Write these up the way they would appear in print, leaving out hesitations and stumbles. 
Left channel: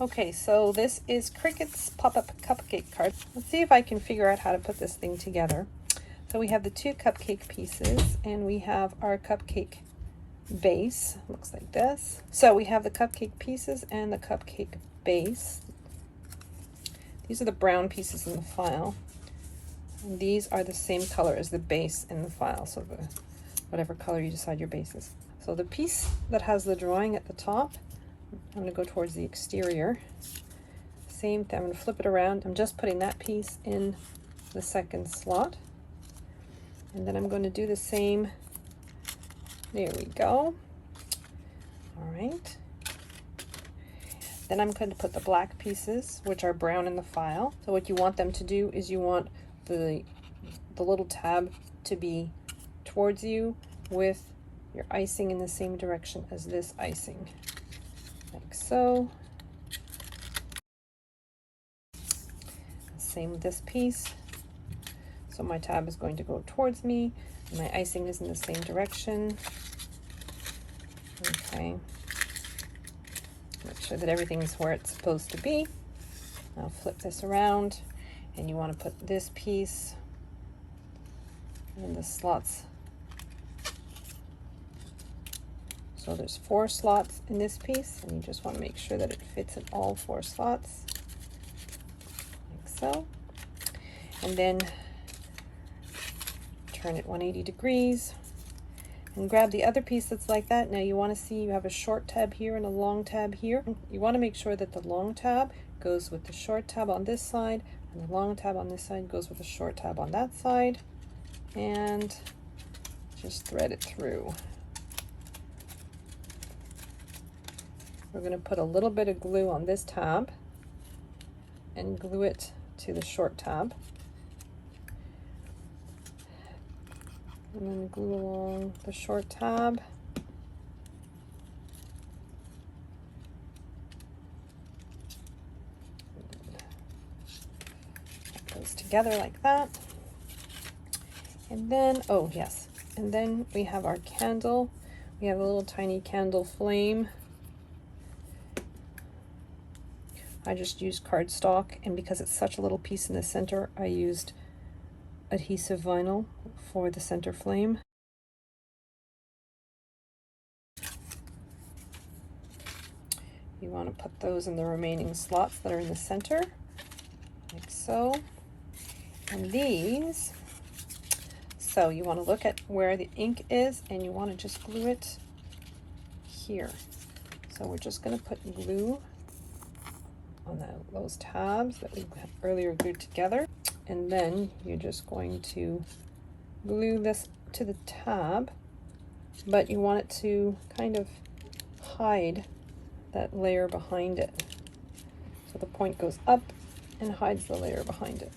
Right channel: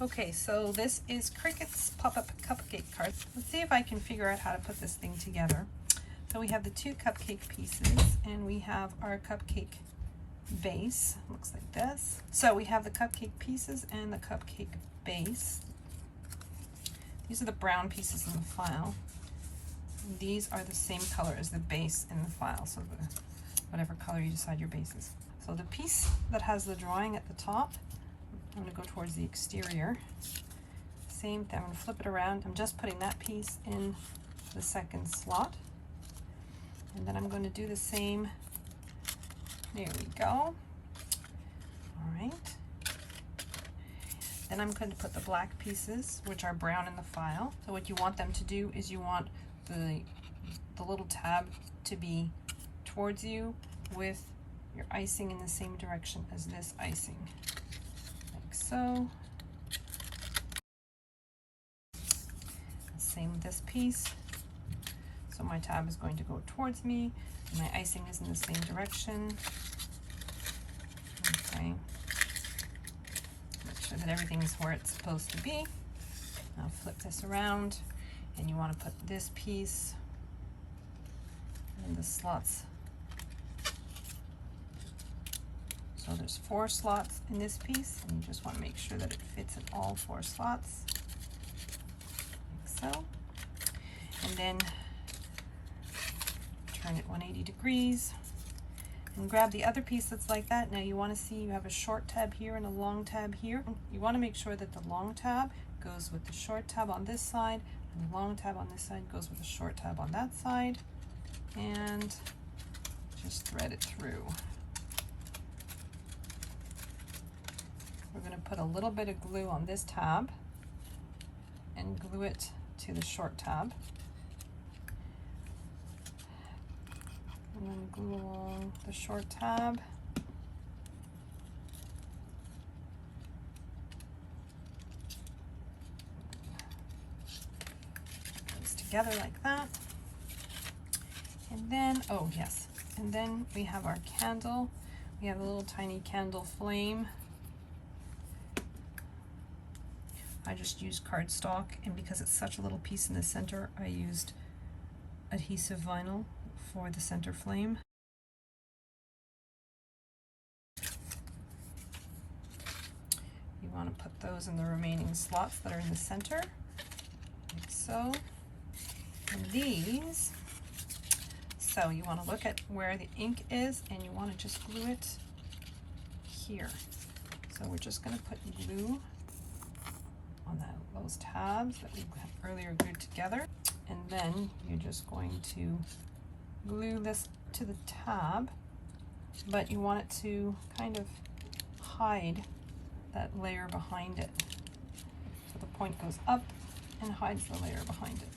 Okay, so this is Cricut's pop-up cupcake card. Let's see if I can figure out how to put this thing together. So we have the 2 cupcake pieces and we have our cupcake base. Looks like this. So we have the cupcake pieces and the cupcake base. These are the brown pieces in the file. And these are the same color as the base in the file, so whatever color you decide your base is. So the piece that has the drawing at the top, I'm going to go towards the exterior. Same thing, I'm going to flip it around. I'm just putting that piece in the second slot. And then I'm going to do the same. There we go. All right. Then I'm going to put the black pieces, which are brown in the file. So what you want them to do is you want the little tab to be towards you with your icing in the same direction as this icing. Like so. Same with this piece. So my tab is going to go towards me, and my icing is in the same direction. Okay. Make sure that everything is where it's supposed to be. Now flip this around, and you want to put this piece in the slots. So there's 4 slots in this piece, and you just want to make sure that it fits in all 4 slots, like so. And then turn it 180 degrees and grab the other piece that's like that. Now you want to see you have a short tab here and a long tab here. You want to make sure that the long tab goes with the short tab on this side, and the long tab on this side goes with the short tab on that side, and just thread it through. We're going to put a little bit of glue on this tab and glue it to the short tab. And then glue along the short tab. Put those together like that. And then, oh yes, and then we have our candle. We have a little tiny candle flame. I just used cardstock, and because it's such a little piece in the center, I used adhesive vinyl for the center flame. You want to put those in the remaining slots that are in the center, like so. And these, so you want to look at where the ink is, and you want to just glue it here. So we're just going to put glue on those tabs that we earlier glued together, and then you're just going to glue this to the tab, but you want it to kind of hide that layer behind it. So the point goes up and hides the layer behind it.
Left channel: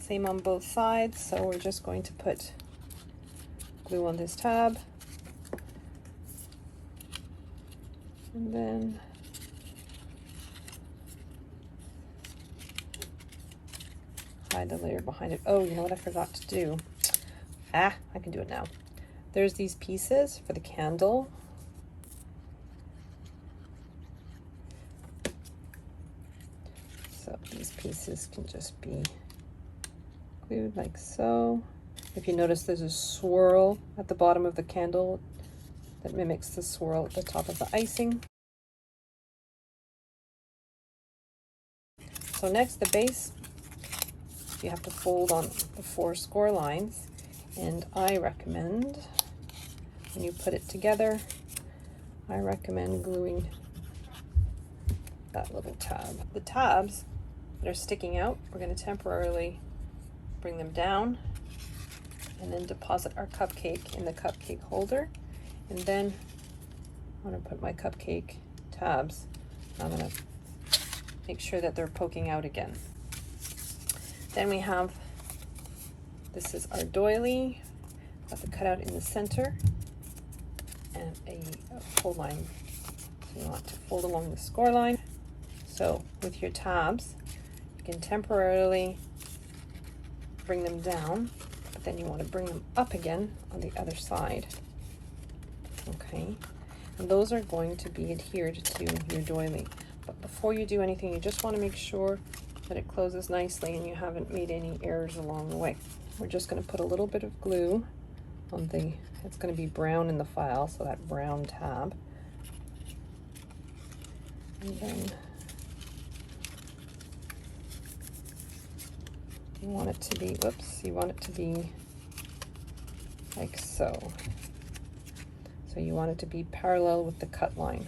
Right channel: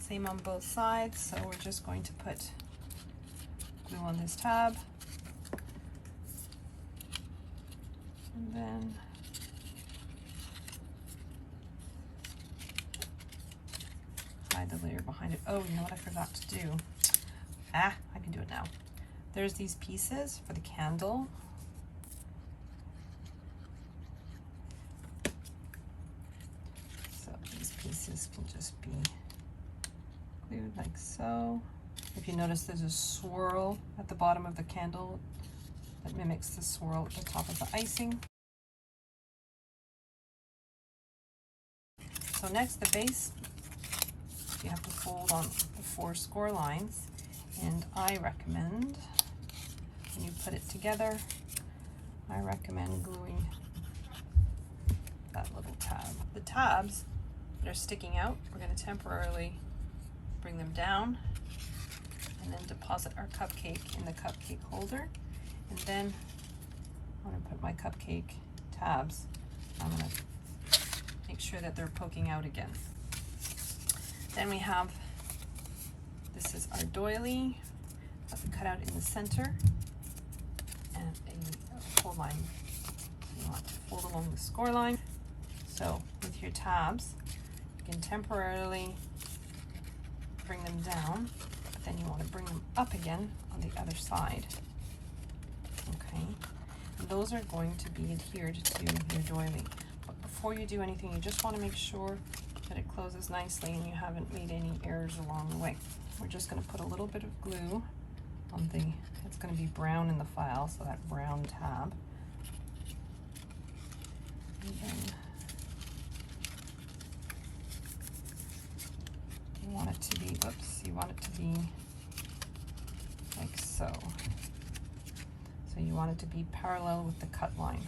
Same on both sides, so we're just going to put glue on this tab, and then hide the layer behind it. Oh, you know what I forgot to do? I can do it now. There's these pieces for the candle. So these pieces can just be glued like so. If you notice, there's a swirl at the bottom of the candle that mimics the swirl at the top of the icing. So next, the base, you have to fold on the 4 score lines, and I recommend, when you put it together, I recommend gluing that little tab. The tabs that are sticking out, we're going to temporarily bring them down and then deposit our cupcake in the cupcake holder. And then I'm going to put my cupcake tabs. I'm going to make sure that they're poking out again. Then we have, this is our doily, got the cutout in the center, and a fold line. So you want to fold along the score line. So with your tabs, you can temporarily bring them down, but then you want to bring them up again on the other side. Okay, and those are going to be adhered to your doily. But before you do anything, you just want to make sure that it closes nicely and you haven't made any errors along the way. We're just going to put a little bit of glue on the, it's going to be brown in the file, so that brown tab. And then you want it to be, whoops, you want it to be like so. So you want it to be parallel with the cut line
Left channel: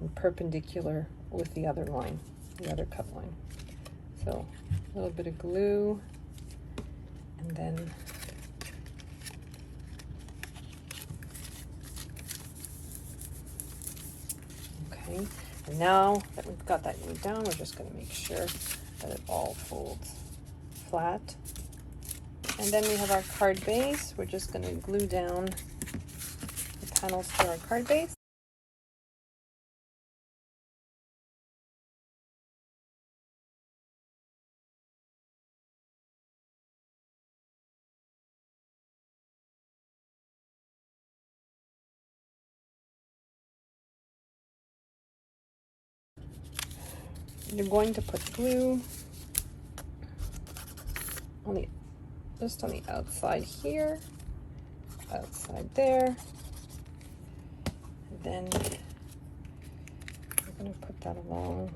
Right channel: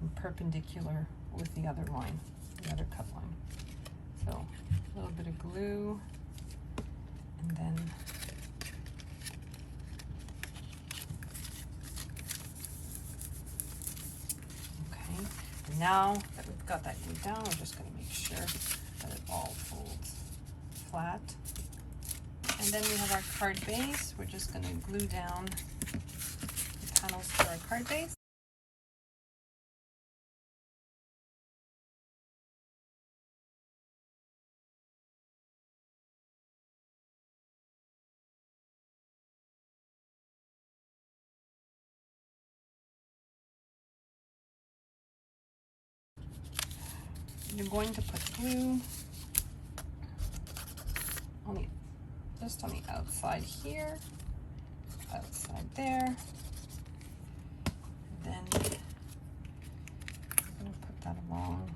and perpendicular with the other line, the other cut line. So a little bit of glue, and then okay. And now that we've got that glued down, we're just going to make sure that it all folds flat. And then we have our card base. We're just going to glue down the panels to our card base. You're going to put glue on the, just on the outside here, outside there. And then we're going to put that along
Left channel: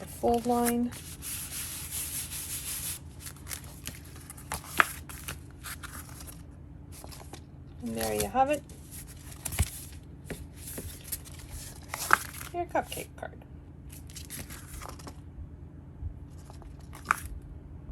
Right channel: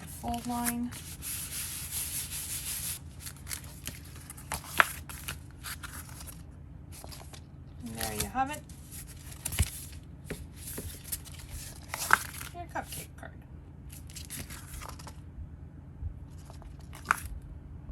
the fold line. And there you have it.